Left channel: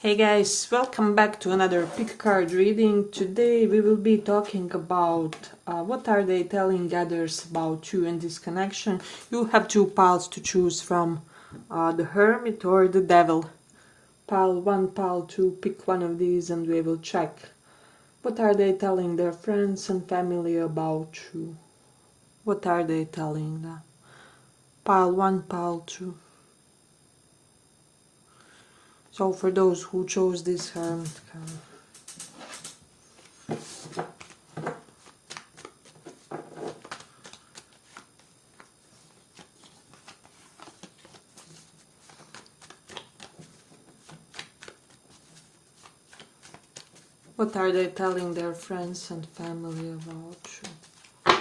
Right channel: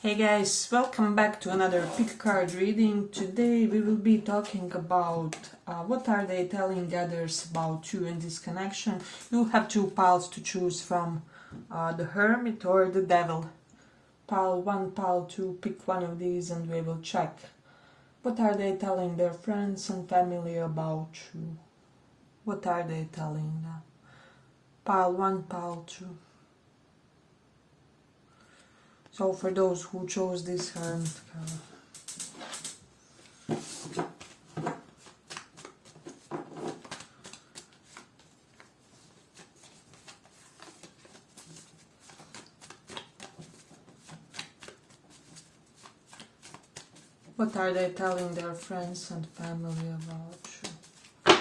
Hey guys, welcome back to another pick card reading. Today we will be talking about what are they telling others about you in this connection. You have two piles to choose from, the Hermit or the Devil. Pile 1, pile 2, pick one of these and we will check. What are they telling their friends and family about you? What are they telling them? Pile 1, pile 2. So for those who chose this Hermit card, what are they telling their friends and family about you?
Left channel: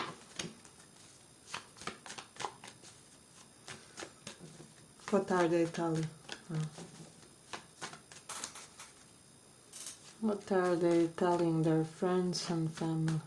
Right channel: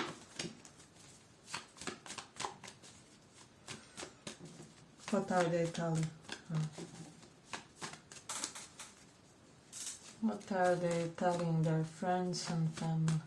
What are they telling? What are they telling their friends and family?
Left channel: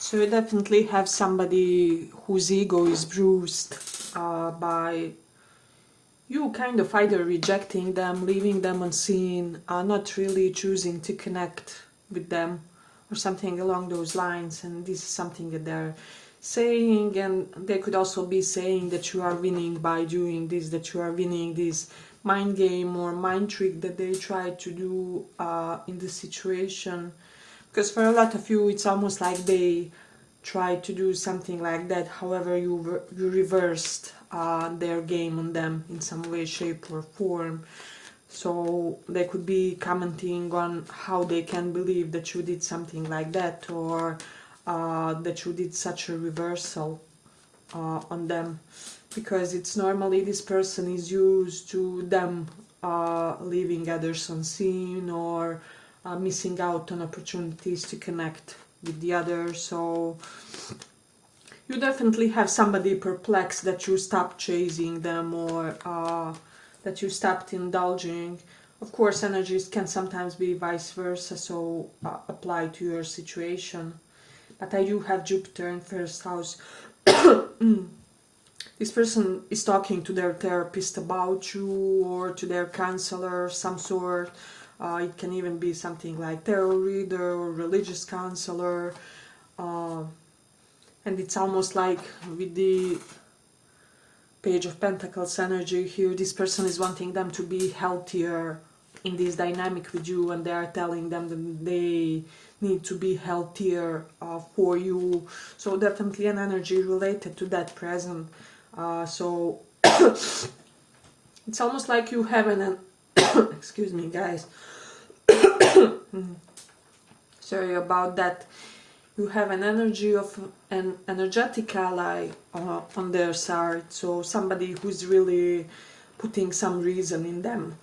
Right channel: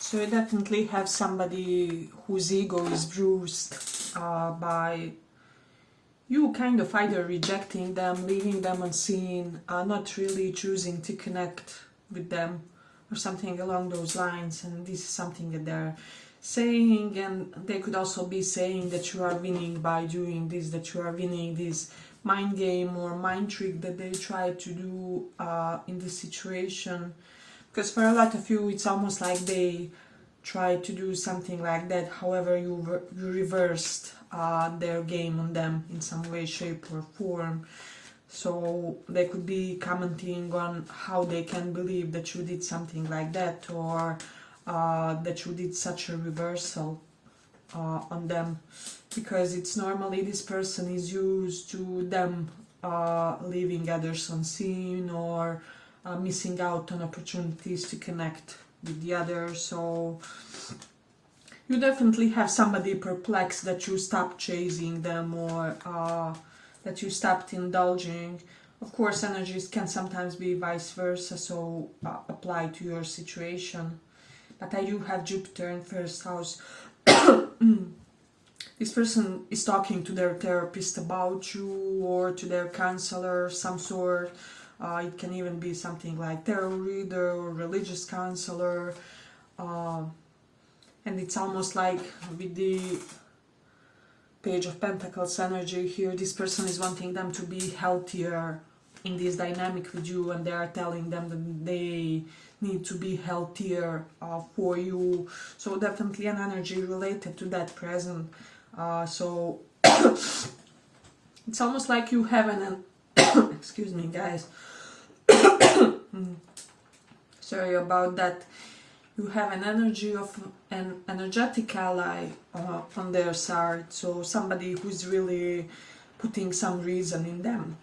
So you definitely have somebody whose ego is bruised by you kind of either rejecting them, leaving them unseen, not really choosing to connect with them or something along those lines. And this is something that they're saying, and they could also be saying that you are winning by doing this, that you are winning this mind game or mind trick that they try to do in the situation. Because for a lot of you, it's almost like they try to do something like that. However, you reversed their game on them in some way, shape, or form. So they could be commenting on how they can believe that you did something like that, or that you did such a reversal on them. Because it's normally this person is used to them leaving others unseen or missing out on opportunities to connect with the other. So you definitely have somebody perplexed that you stopped chasing them or that you stopped indulging. Of course, energies can sometimes be vice versa, so apply to your situation. But I do have Jupiter in first house. This person is talking to their therapist about you or to their counselor of some sort. It can even be something like tarot reader or religious counselor. And it's almost like with the Page of Pentacles energy here, this person is wanting them to be healthier in this dynamic with you, and they are telling them that they need to be healthier for you. So definitely an energy related to that present. So it's almost like you have an excuse me guys, sorry about that. You have an energy of an energetic ally on their side, so somebody who's really putting some reason in them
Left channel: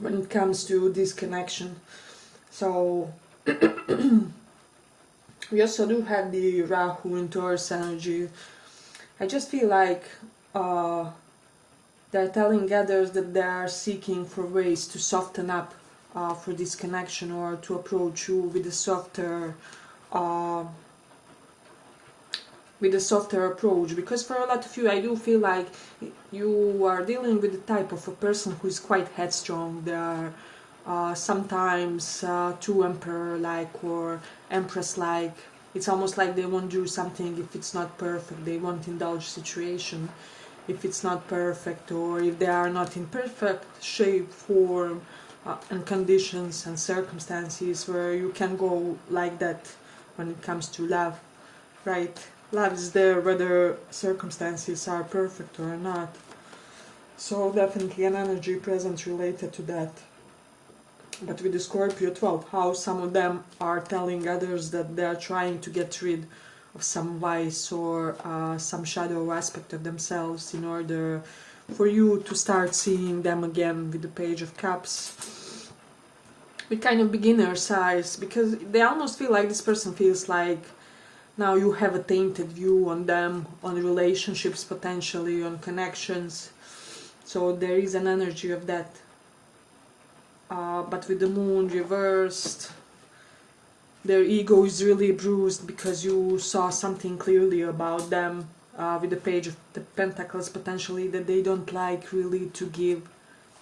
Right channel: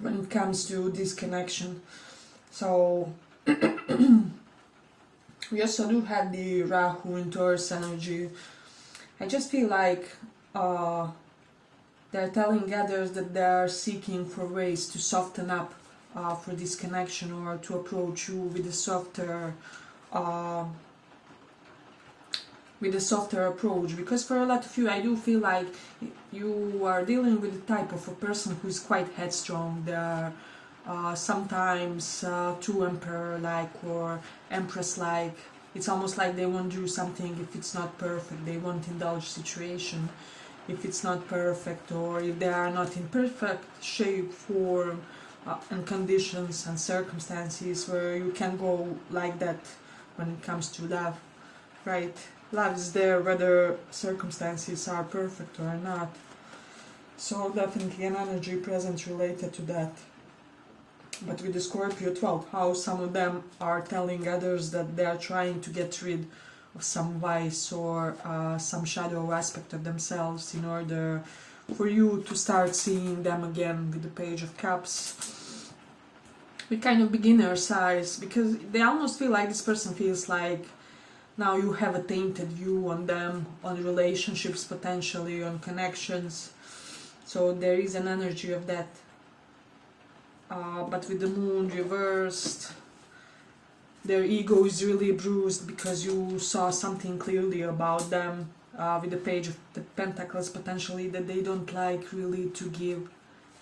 when it comes to this connection. So we also do have the Rahu in Taurus energy. I just feel like they're telling others that they are seeking for ways to soften up for this connection, or to approach you with a softer approach. Because for a lot of you, I do feel like you are dealing with the type of a person who is quite headstrong. They are sometimes too emperor-like or empress-like. It's almost like they won't do something if it's not perfect. They won't indulge situation if it's not perfect, or if they are not in perfect shape, form, and conditions and circumstances where you can go like that when it comes to love, right? Love is there whether circumstances are perfect or not. So definitely an energy present related to that. But with the Scorpio 12 house, some of them are telling others that they are trying to get rid of some vice or some shadow aspect of themselves in order for you to start seeing them again with the Page of Cups. With kind of beginner's eyes, because they almost feel like this person feels like now you have a tainted view on them, on relationships potentially, on connections. So there is an energy of that. But with the Moon reversed, their ego is really bruised because you saw something clearly about them. With the Page of the Pentacles, potentially that they don't like really to give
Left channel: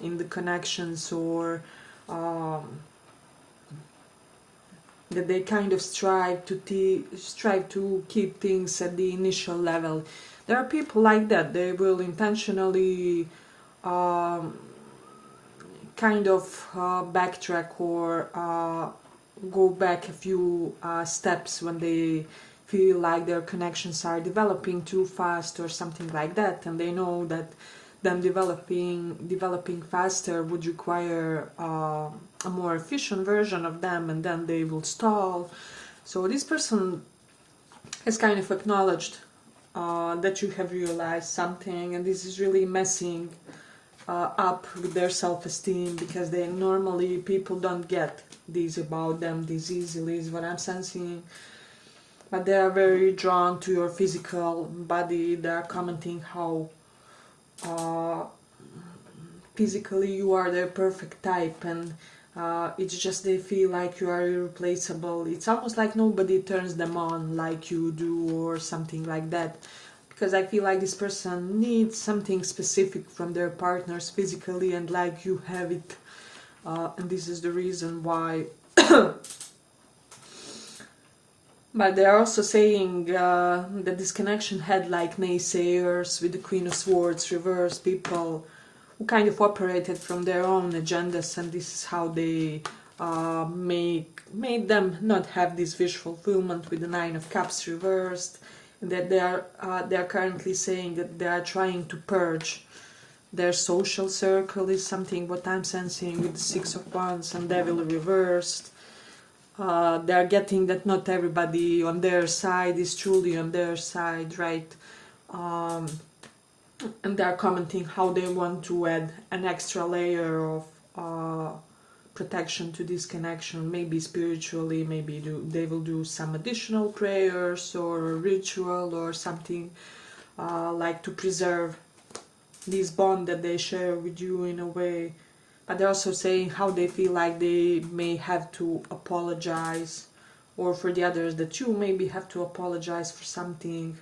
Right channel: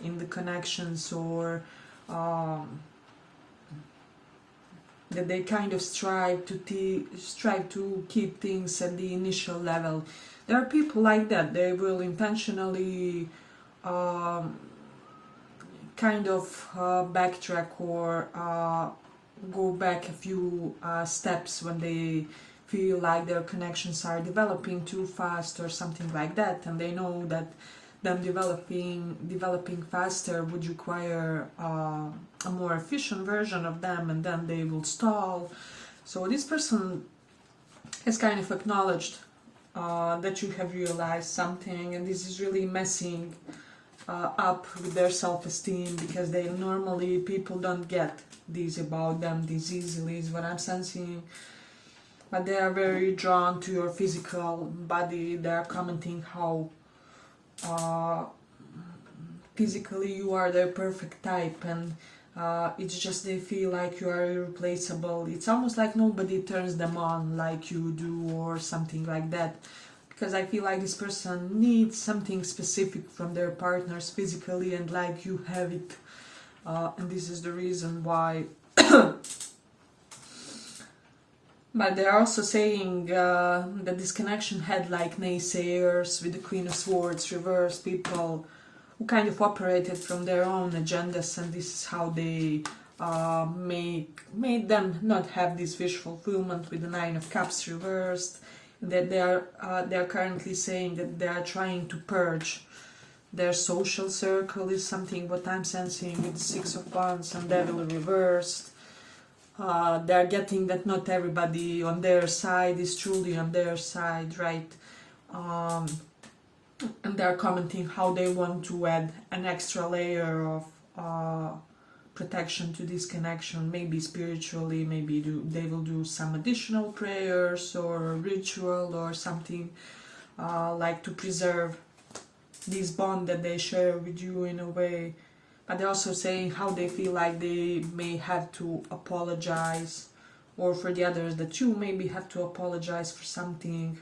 in the connections, or that they kind of strive to keep things at the initial level. There are people like that. They will intentionally kind of backtrack or go back a few steps when they feel like their connections are developing too fast or something like that, and they know that them developing faster would require a more efficient version of them, and then they will stall. So this person has kind of acknowledged that you have realized something, and this is really messing up with their self-esteem, because they normally, people don't get these about them this easily, is what I'm sensing. But they are very drawn to your physical body. They are commenting how physically you are their perfect type, and it's just they feel like you are irreplaceable. It's almost like nobody turns them on like you do or something like that, because I feel like this person needs something specific from their partners physically, and like you have it, and this is the reason why. But they are also saying that this connection had like naysayers with the Queen of Swords reversed, people who kind of operated from their own agendas, and this is how they made them not have this wish fulfillment with the Nine of Cups reversed. That they are currently saying that they are trying to purge their social circle, is something what I'm sensing with the Six of Wands and Devil reversed. They are getting that not everybody on their side is truly on their side, right? And they are commenting how they want to add an extra layer of protection to this connection, maybe spiritually, maybe they will do some additional prayers or a ritual or something like to preserve this bond that they share with you in a way. But they're also saying how they feel like they may have to apologize, or for the others that you maybe have to apologize for something.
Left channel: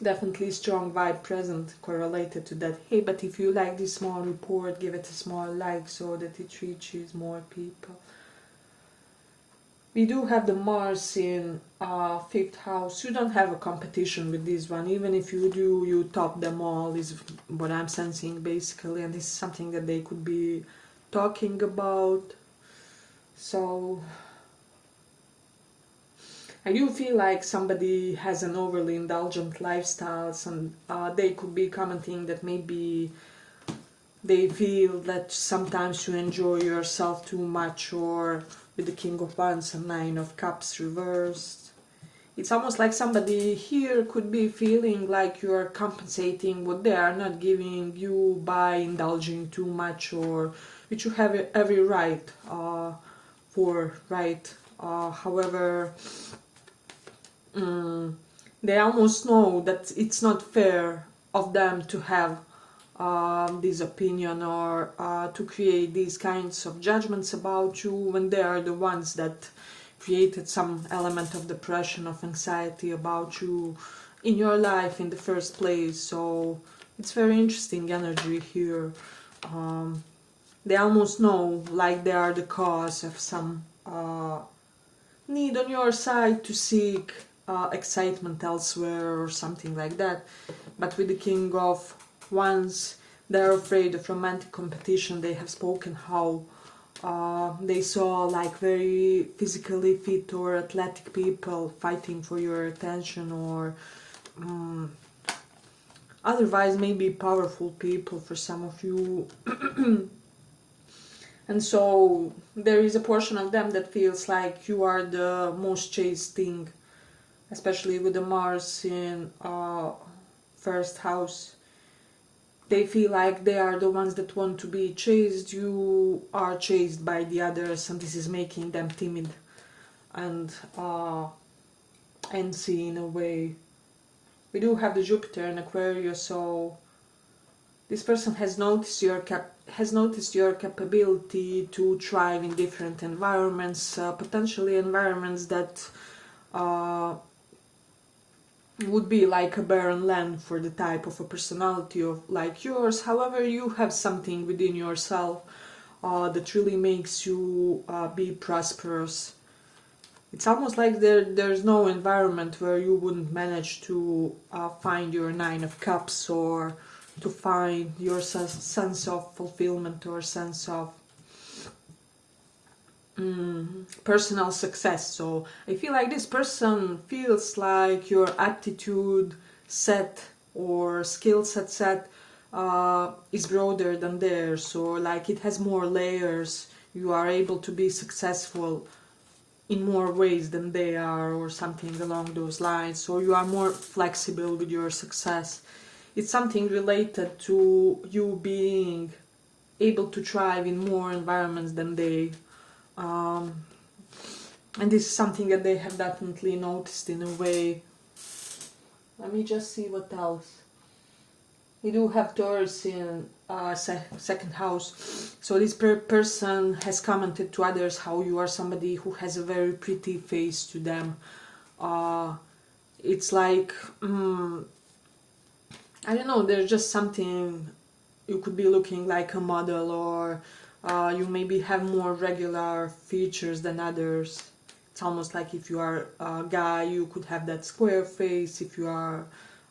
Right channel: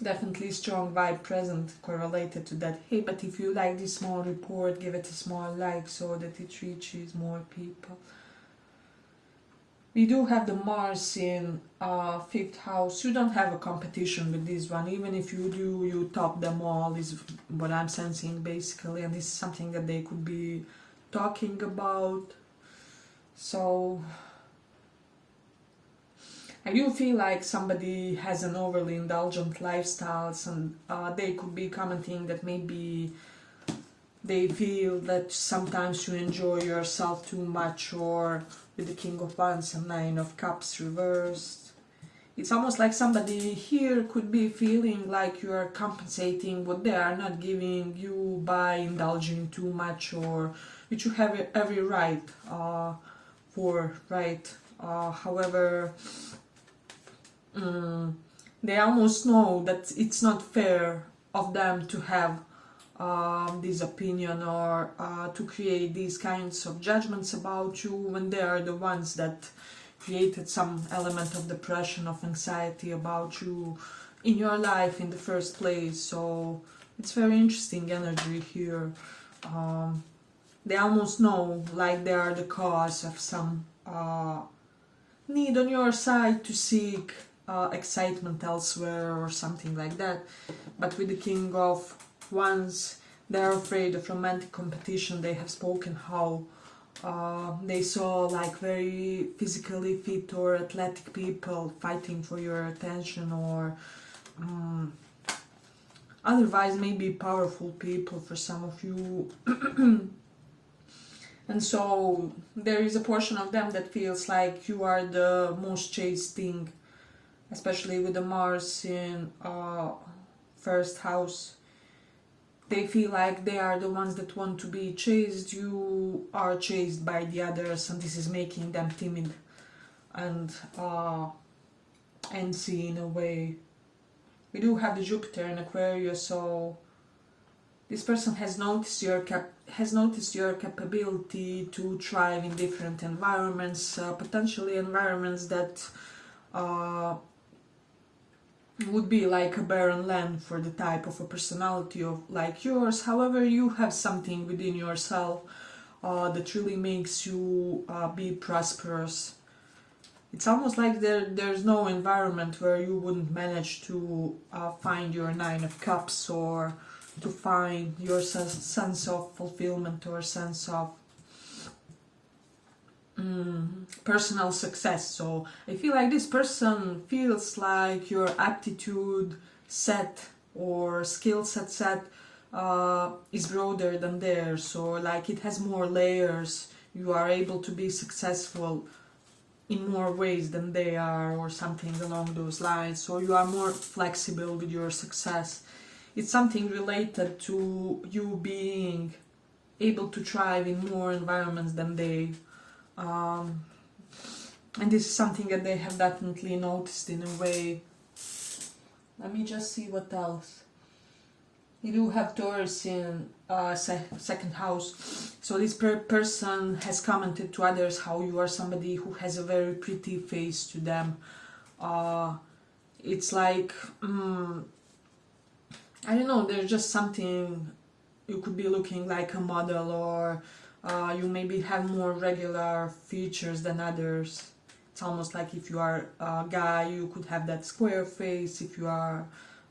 Definitely strong vibe present correlated to that. Hey, but if you like this small report, give it a small like so that it reaches more people. We do have the Mars in 5th house. You don't have a competition with this one. Even if you do, you top them all, is what I'm sensing basically. And this is something that they could be talking about. So I do feel like somebody has an overly indulgent lifestyle, and they could be commenting that maybe they feel that sometimes you enjoy yourself too much, or with the King of Wands and Nine of Cups reversed. It's almost like somebody here could be feeling like you are compensating what they are not giving you by indulging too much, or which you have every right for, right? However, they almost know that it's not fair of them to have this opinion, or to create these kinds of judgments about you when they are the ones that created some element of depression, of anxiety about you in your life in the first place. So it's very interesting energy here. They almost know like they are the cause of some need on your side to seek excitement elsewhere or something like that. But with the King of Wands, they're afraid of romantic competition. They have spoken how they saw like very physically fit or athletic people fighting for your attention, or otherwise maybe powerful people for some of you. And so there is a portion of them that feels like you are the most chased thing, especially with the Mars in first house. They feel like they are the ones that want to be chased. You are chased by the others, and this is making them timid and antsy in a way. We do have the Jupiter in Aquarius, so this person has noticed your capability to thrive in different environments, potentially environments that would be like a barren land for the type of a personality of like yours. However, you have something within yourself that really makes you be prosperous. It's almost like there's no environment where you wouldn't manage to find your Nine of Cups, or to find your sense of fulfillment, or sense of personal success. So I feel like this person feels like your aptitude set or skill set is broader than theirs, or like it has more layers. You are able to be successful in more ways than they are, or something along those lines. So you are more flexible with your success. It's something related to you being able to thrive in more environments than they. And this is something that they have definitely noticed in a way. Let me just see what else. You do have Taurus in second house. So this person has commented to others how you are somebody who has a very pretty face to them. It's like, I don't know, there's just something, you could be looking like a model, or you maybe have more regular features than others. It's almost like if you are a guy, you could have that square face. If you are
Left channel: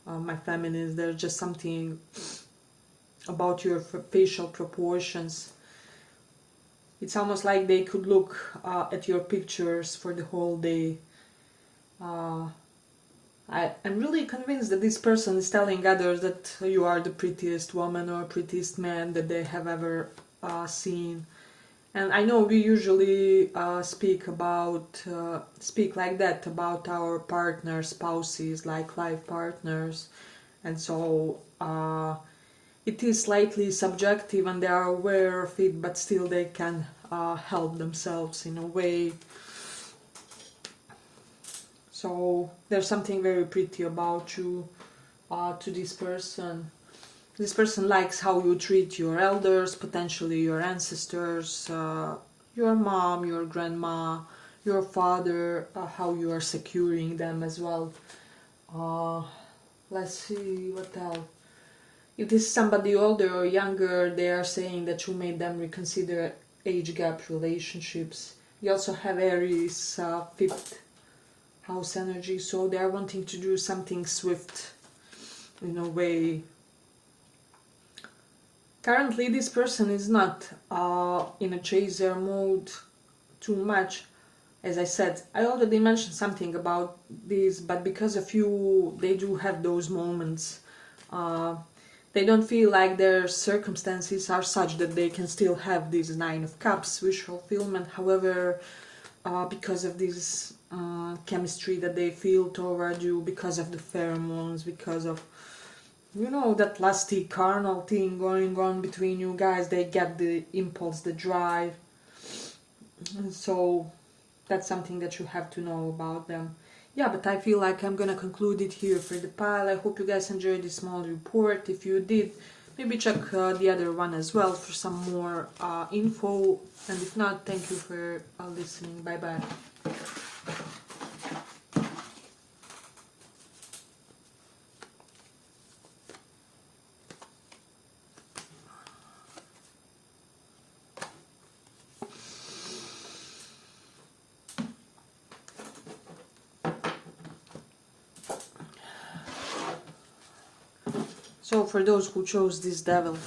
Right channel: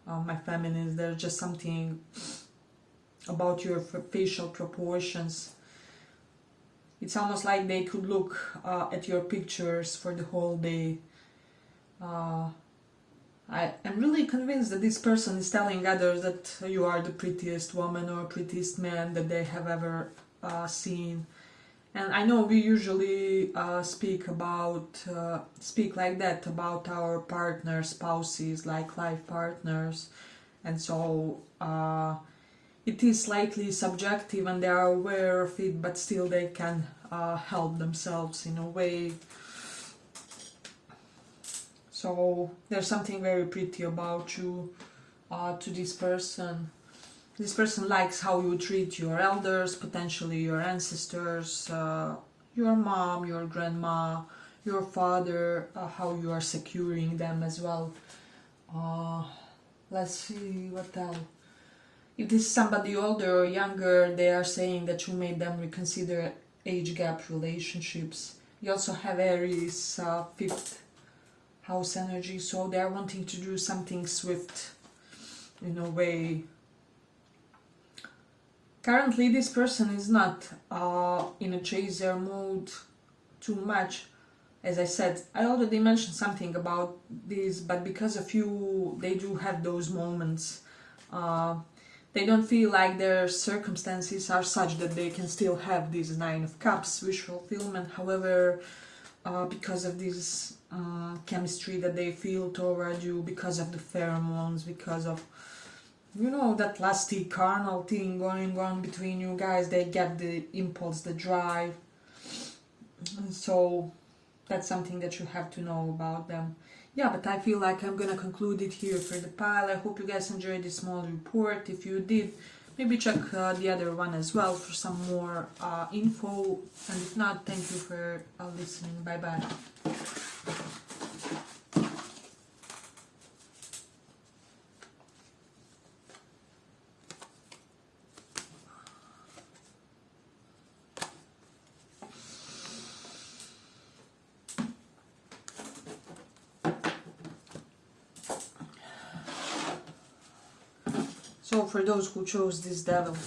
my feminist, there's just something about your facial proportions. It's almost like they could look at your pictures for the whole day. I'm really convinced that this person is telling others that you are the prettiest woman or prettiest man that they have ever seen. And I know we usually speak like that about our partners, spouses, like life partners, and so it is slightly subjective, and they are aware of it, but still they can help themselves in a way. So there's something very pretty about you to this person. This person likes how you treat your elders, potentially your ancestors, your mom, your grandma, your father, how you are securing them as well. Let's see what else. If this is somebody older or younger, they are saying that you made them reconsider age gap relationships. You also have Aries, fifth house energy, so they are wanting to do something swift in a way. Currently this person is not in a chaser mode too much. As I said, I already mentioned something about this, but because of you, they do have those moments. They don't feel like their circumstances are such that they can still have this Nine of Cups wish fulfillment. However, because of this chemistry that they feel toward you, because of the pheromones, because of, you know, that lusty carnal thing going on between you guys, they get the impulse, the drive. And so that's something that you have to know about them. Yeah, but I feel like I'm gonna conclude it here for the pile. I hope you guys enjoyed this small report. If you did, maybe check the other one as well for some more info. And if not, thank you for listening. Bye bye. So for those who chose this devil,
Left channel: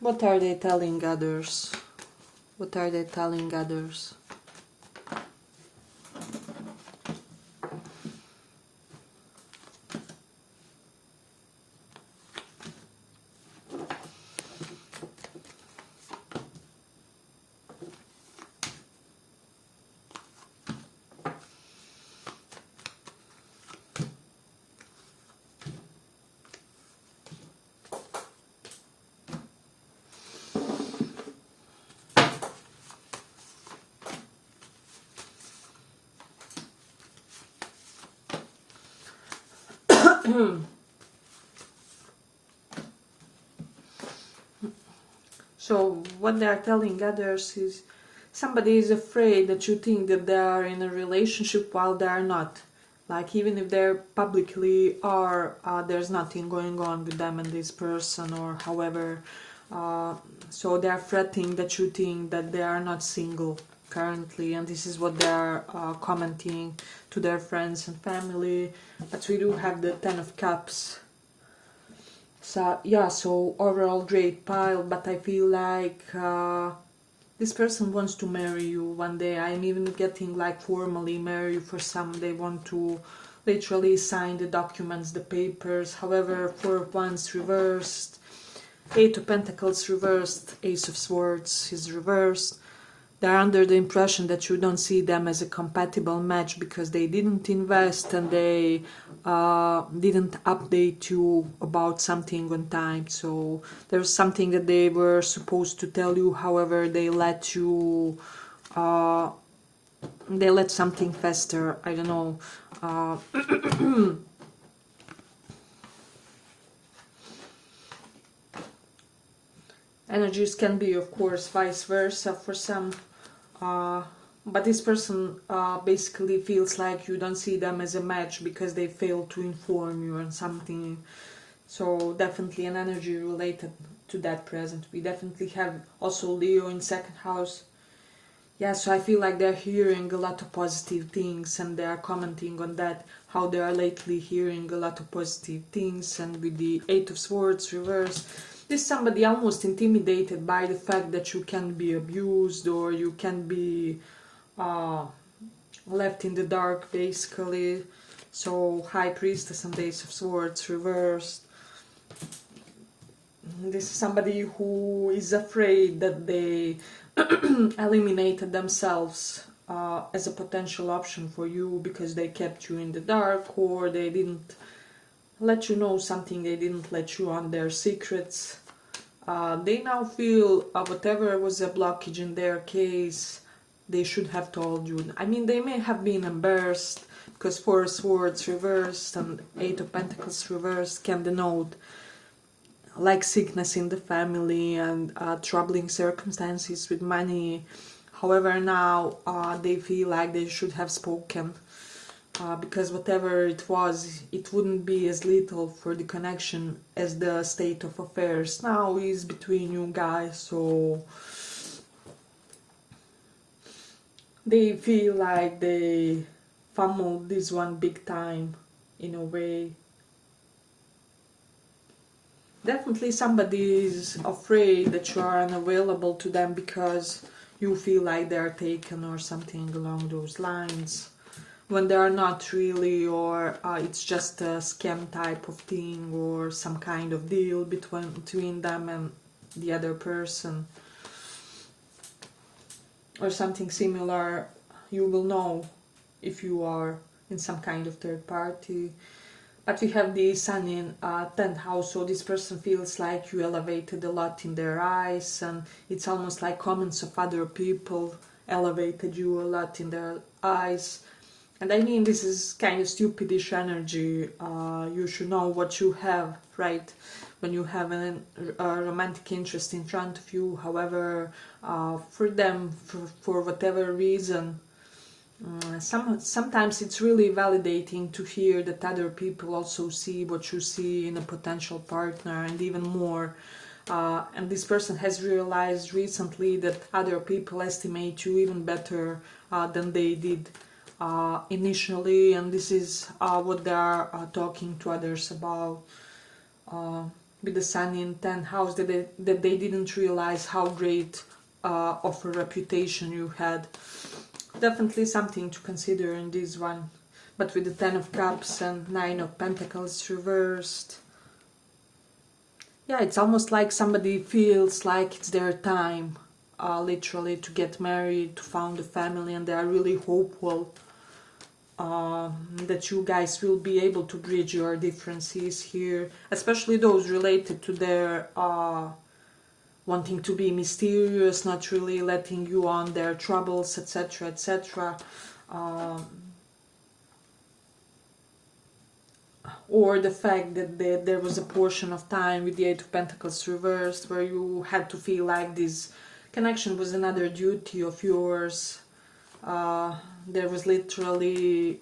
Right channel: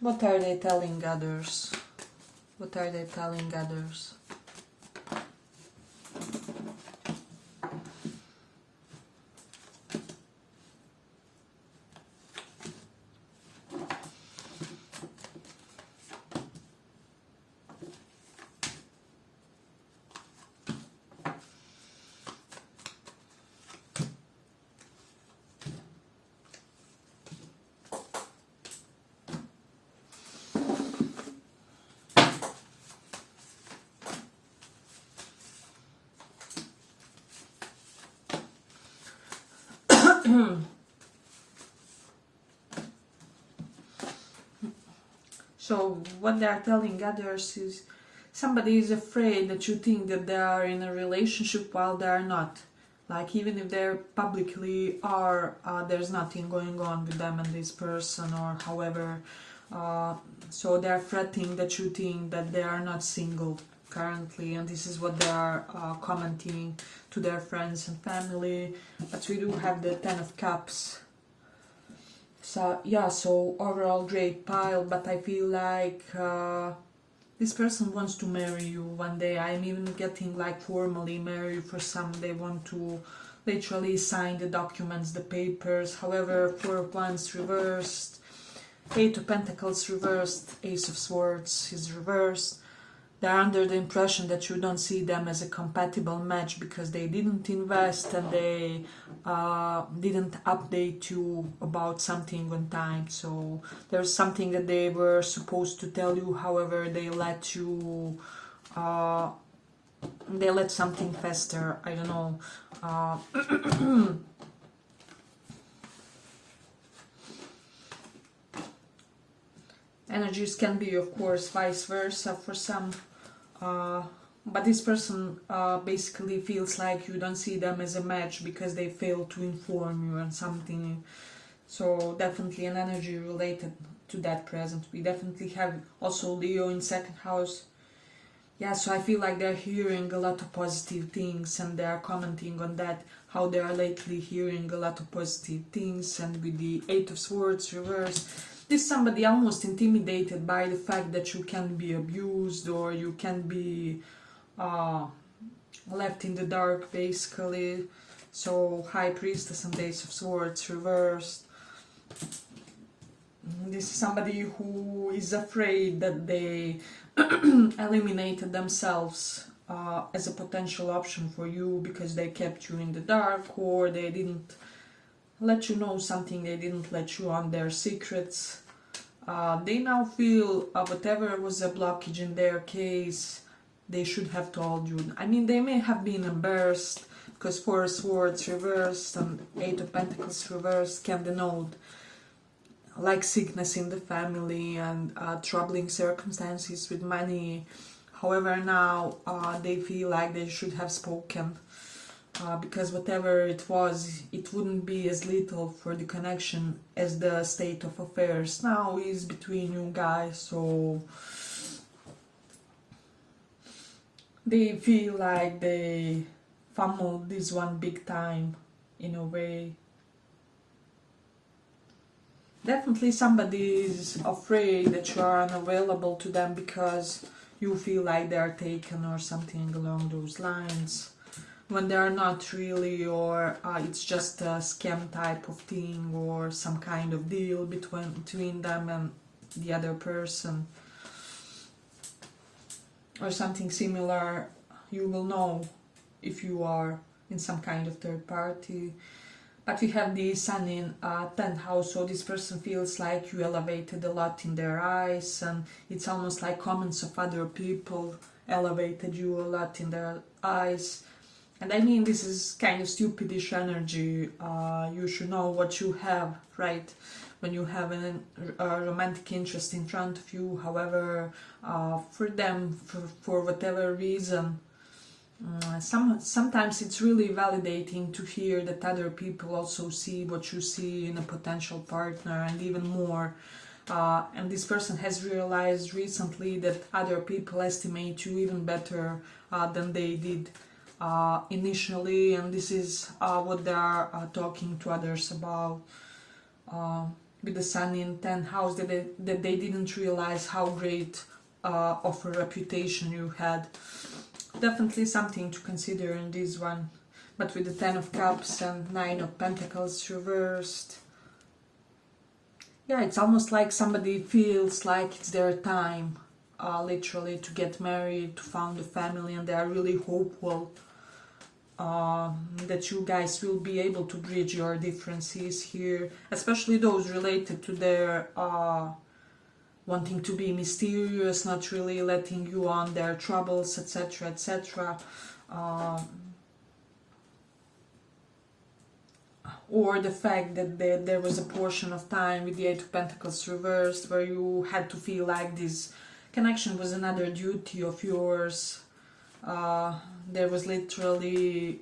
What are they telling others? What are they telling others? So what they are telling others is somebody is afraid that you think that they are in a relationship while they are not. Like even if they publicly are, there's nothing going on with them and this person, or however. So they are fretting that you think that they are not single currently, and this is what they are commenting to their friends and family. But we do have the Ten of Cups. So yeah, so overall great pile, but I feel like this person wants to marry you one day. I'm even getting like formally marry you for some. They want to literally sign the documents, the papers. However, Four of Wands reversed, Eight of Pentacles reversed, Ace of Swords is reversed. They're under the impression that you don't see them as a compatible match because they didn't invest and they didn't update you about something on time. So there's something that they were supposed to tell you, however they let you, they let something fester, I don't know. Energies can be, of course, vice versa for some. But this person basically feels like you don't see them as a match because they failed to inform you on something. So definitely an energy related to that present. We definitely have also Leo in second house. Yeah, so I feel like they're hearing a lot of positive things and they are commenting on that, how they are lately hearing a lot of positive things. And with the Eight of Swords reversed, this somebody almost intimidated by the fact that you can be abused or you can be left in the dark, basically. So High Priestess and Ace of Swords reversed. This is somebody who is afraid that they eliminated themselves as a potential option for you because they kept you in the dark, or they didn't let you know something, they didn't let you on their secrets. They now feel whatever was a blockage in their case, they should have told you. I mean, they may have been embarrassed because Four of Swords reversed and Eight of Pentacles reversed can denote like sickness in the family and troubling circumstances with money. However, now they feel like they should have spoken. Because whatever it was, it wouldn't be as lethal for the connection as the state of affairs now is between you guys. So they feel like they fumbled this one big time in a way. Definitely somebody is afraid that you are unavailable to them because you feel like they are taken or something along those lines, when they are not really, or it's just a scam type of thing or some kind of deal between them and the other person or something similar. You will know if you are in some kind of third party. But we have the Sun in 10th house, so this person feels like you elevated a lot in their eyes, and it's almost like comments of other people elevated you a lot in their eyes. And I mean, this is kind of stupidish energy. You should know what you have, right? When you have a romantic interest in front of you. However, for them, for whatever reason, sometimes it's really validating to hear that other people also see what you see in a potential partner, and even more. And this person has realized recently that other people estimate you even better than they did initially, and this is what they are talking to others about. with the sun in 10th house, that they didn't realize how great of a reputation you had. Definitely something to consider in this one. But with the 10 of Cups and 9 of Pentacles reversed, yeah, it's almost like somebody feels like it's their time, literally, to get married, to found a family, and they are really hopeful that you guys will be able to bridge your differences here, especially those related to their wanting to be mysterious, not really letting you on their troubles, etc., etc. Or the fact that there was a portion of time with the 8 of Pentacles reversed where you had to feel like this connection was another duty of yours. There was literally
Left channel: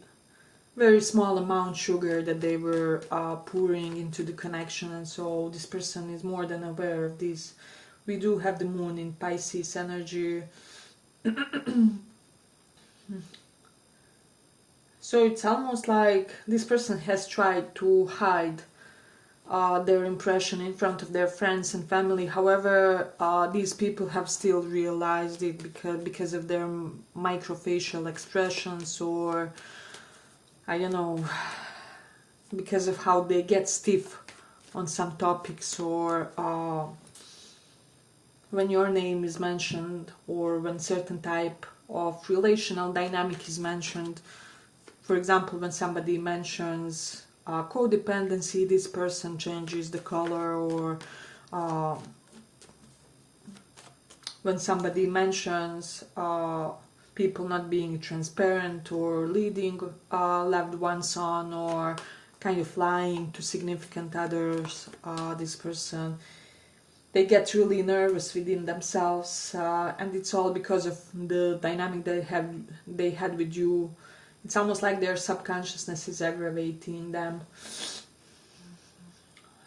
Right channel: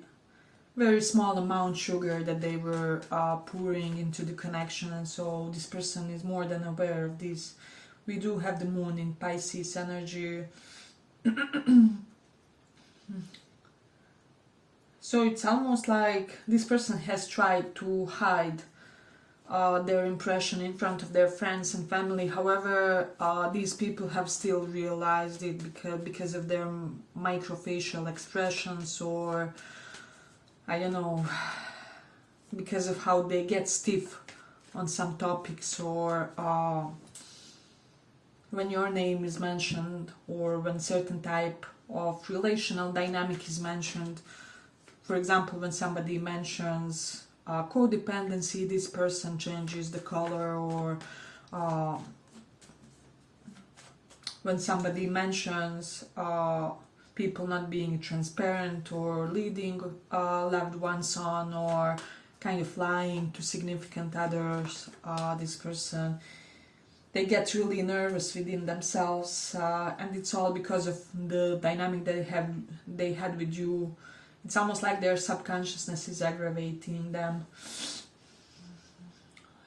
very small amount sugar that they were pouring into the connection, and so this person is more than aware of this. We do have the moon in Pisces energy. So it's almost like this person has tried to hide their impression in front of their friends and family. However, these people have still realized it because of their microfacial expressions, or I don't know, because of how they get stiff on some topics, or when your name is mentioned, or when certain type of relational dynamic is mentioned. For example, when somebody mentions codependency, this person changes the color, or when somebody mentions people not being transparent or leading loved ones on, or kind of lying to significant others, this person, they get really nervous within themselves, and it's all because of the dynamic they had with you. It's almost like their subconsciousness is aggravating them.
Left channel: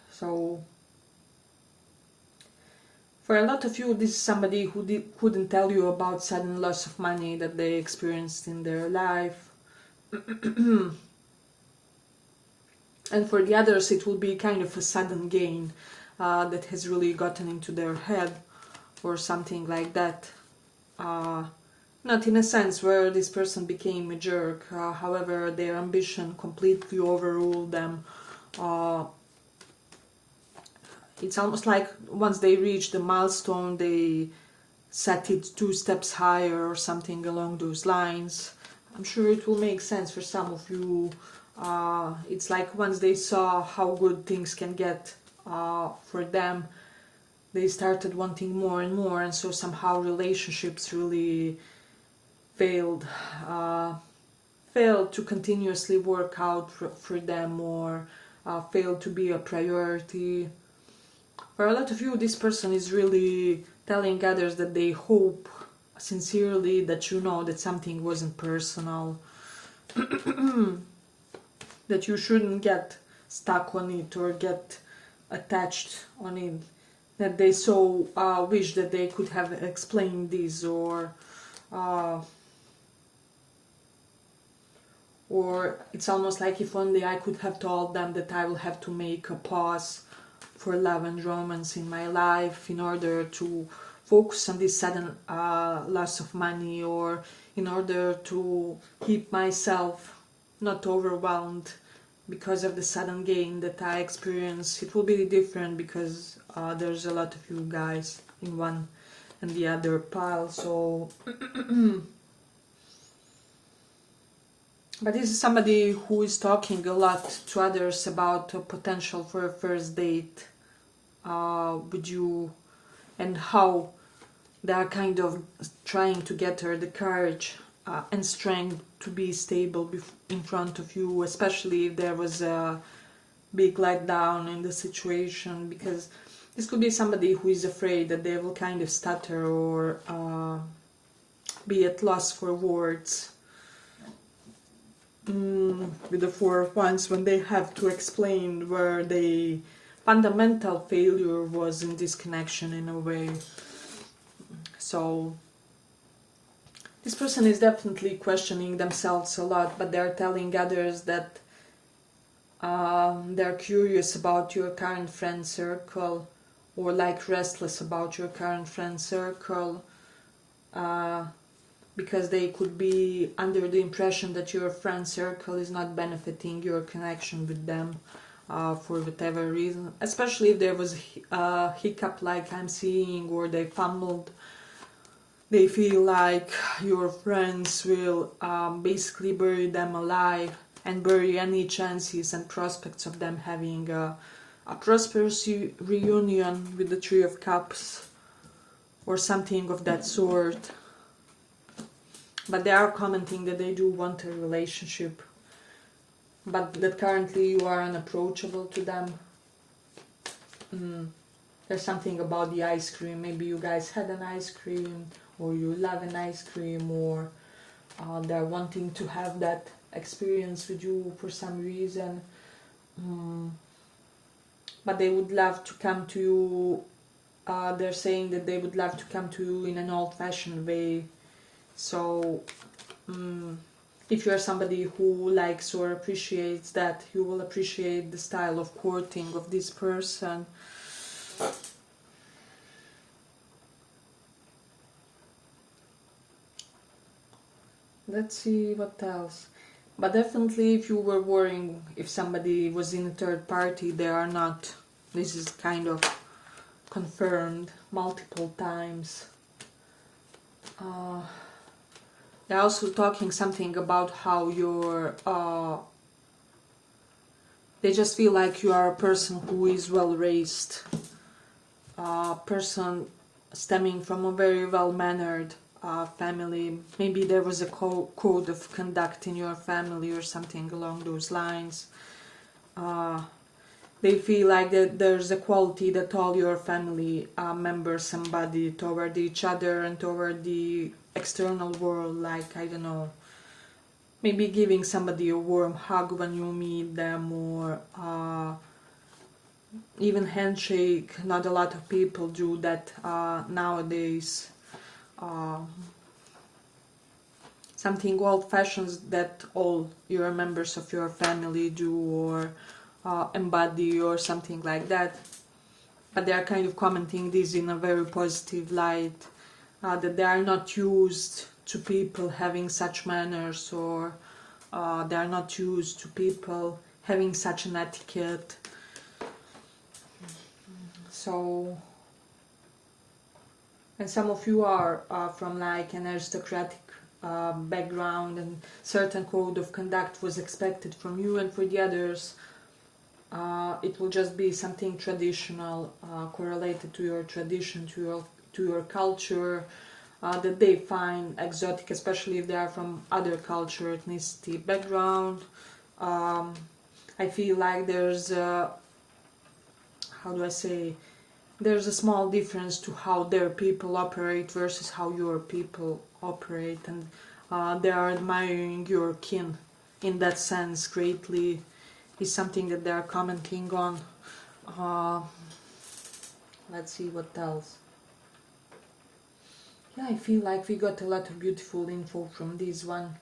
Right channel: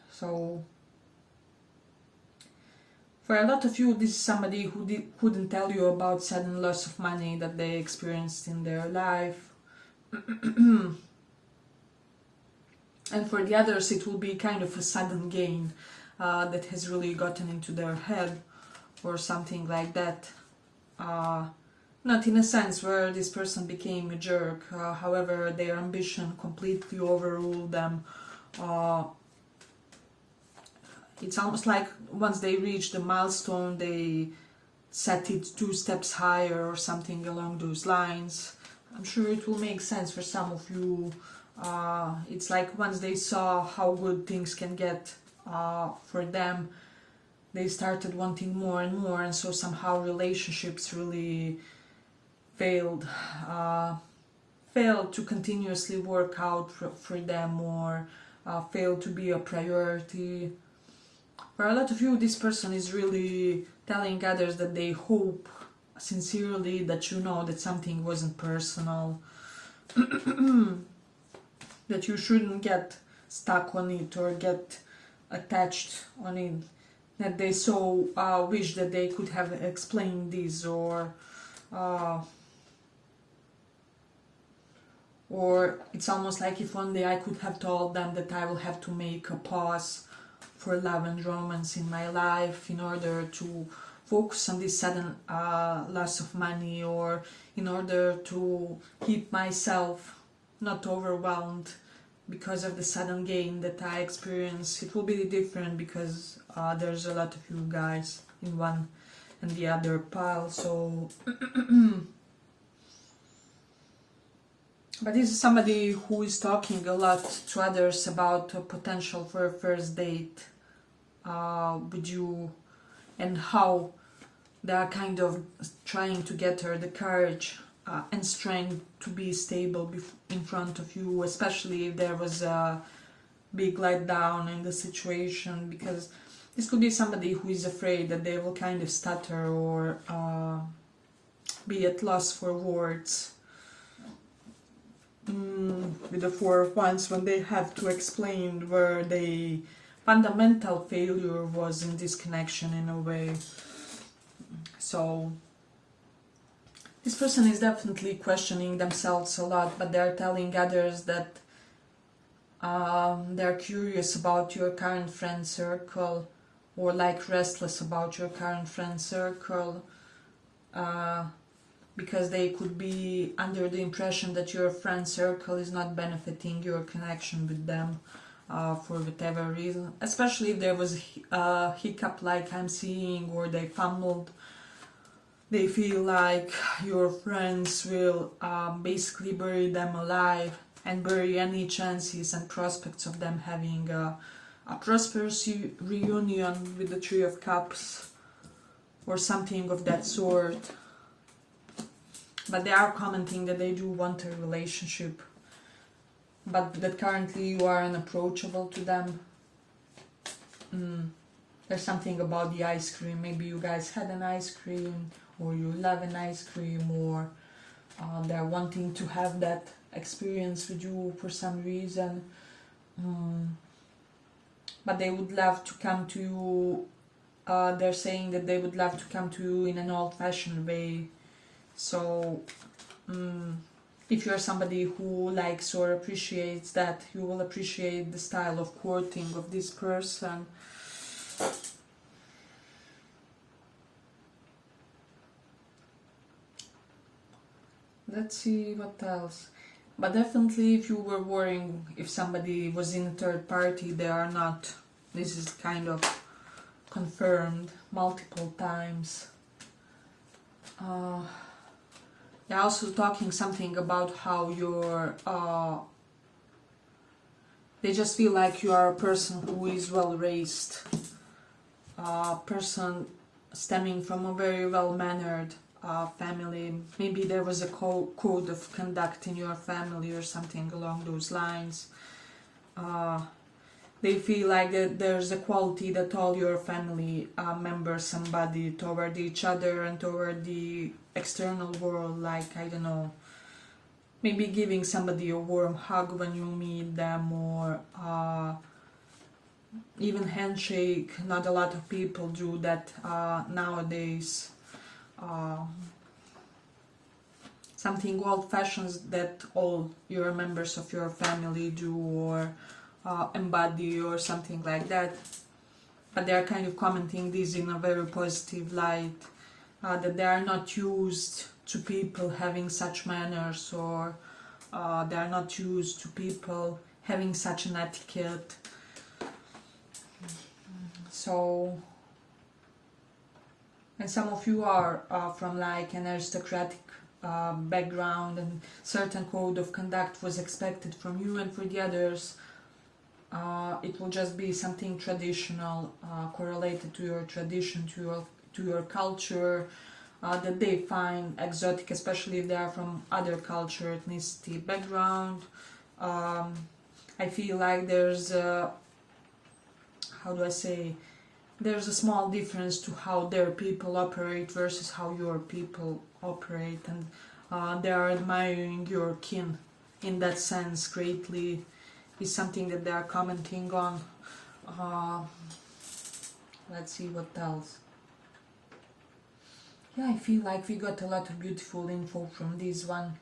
So, for a lot of you, this is somebody who couldn't tell you about sudden loss of money that they experienced in their life. And for the others, it will be kind of a sudden gain that has really gotten into their head, or something like that. Not in a sense where this person became a jerk, however, their ambition completely overruled them. It's almost like once they reach the milestone, they set it 2 steps higher, or something along those lines. I'm sure it will make sense for some of you. It's like once they saw how good things can get for them, they started wanting more and more, and so somehow relationships really failed to continuously work out for them, or failed to be a priority. For a lot of you, this person is really telling others that they hope sincerely that you know that something wasn't personal, that you shouldn't get stuck on it or get attached on it, that they so wish that they could have explained this, or it's almost like if one day I could have told them that I will have to make a pause for love and romance in my life in order to focus on this sudden loss of money, or in order to keep myself not overwhelmed because of the sudden gain that I experience. It will be different because there's a lot of you guys in one and the other pile, so but this is somebody who is talking a lot to others about a potential for a first date with you, and how they are kind of trying to get her the courage and strength to be stable in front of you, especially if there was a big letdown in the situation, because this could be somebody who is afraid that they will kind of stutter, or be at loss for words. With the 4 of Wands, when they have to explain where the fundamental failure was in this connection in a way. So this person is definitely questioning themselves a lot, but they're telling others that They're curious about your current friend circle, or like restless about your current friend circle, because they could be under the impression that your friend circle is not benefiting your connection with them for whatever reason, especially if there was a hiccup like I'm seeing, or they fumbled. They feel like your friends will basically bury them alive and bury any chances and prospects of them having a prosperous reunion with the Three of Cups or something of that sort. But they are commenting that they do want a relationship, but that currently you are unapproachable to them. There's something about the ice cream. Maybe you guys had an ice cream, or you love an ice cream, or they're wanting to have that experience with you for some reason. But they would love to come to you. They're saying that they would love to come to you in an old-fashioned way. So if you're somebody who likes or appreciates that, you will appreciate the style of courting of this person. Let's see what else. But definitely, if you were worrying if somebody was in a third party, they are not. This is kind of confirmed multiple times. They're also talking something about how you're... they just feel like you are a person who is well raised. A person stemming from a very well-mannered family. Maybe there was a code of conduct in your family or something along those lines. They feel like that there's a quality that all your family members embody toward each other and toward the external world, like, I don't know, maybe giving somebody a warm hug when you meet them, or even handshake. Not a lot of people do that nowadays. Something old-fashioned that all your members of your family do or embody, or something like that. But they are kind of commenting this in a very positive light, that they are not used to people having such manners, or they are not used to people having such an etiquette. So, and some of you are from like an aristocratic background, and certain code of conduct was expected from you, and for the others it will just be something traditional, correlated to your tradition, to your culture, that they find exotic, especially if they are from other culture, ethnicity, background. I feel like there's a, how do I say, there's a small difference to how their people operate versus how your people operate, and they are admiring your kin in that sense greatly, is something that they are commenting on. Let's see what else. Yeah, I feel like we got a lot of beautiful info from this one.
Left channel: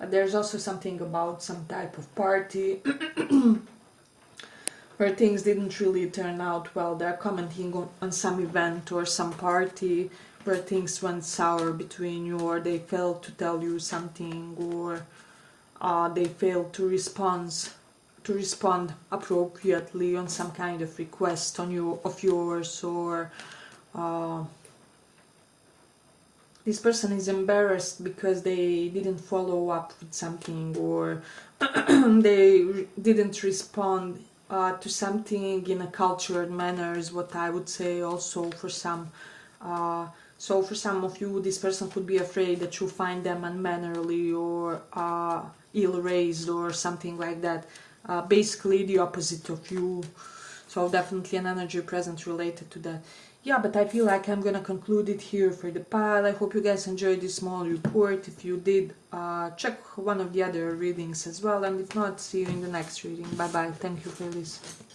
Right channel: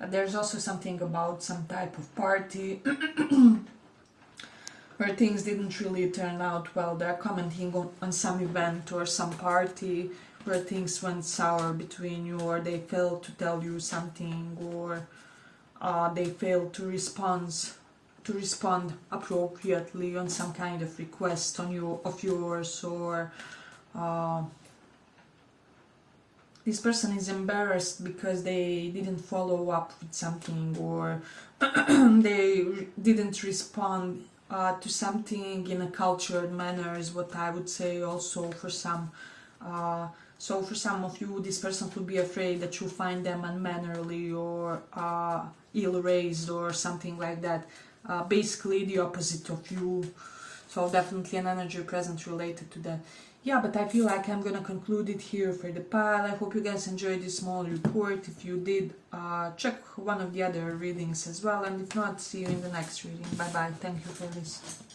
There's also something about some type of party where things didn't really turn out well. They're commenting on some event or some party where things went sour between you, or they failed to tell you something, or they failed to respond appropriately on some kind of request of yours, or this person is embarrassed because they didn't follow up with something, or they didn't respond to something in a cultured manner, is what I would say also for some. So for some of you, this person could be afraid that you find them unmannerly or ill-raised or something like that. Basically the opposite of you. So definitely an energy present related to that. Yeah, but I feel like I'm gonna conclude it here for the pile. I hope you guys enjoyed this small report. If you did, check one of the other readings as well. And if not, see you in the next reading. Bye bye. Thank you for listening.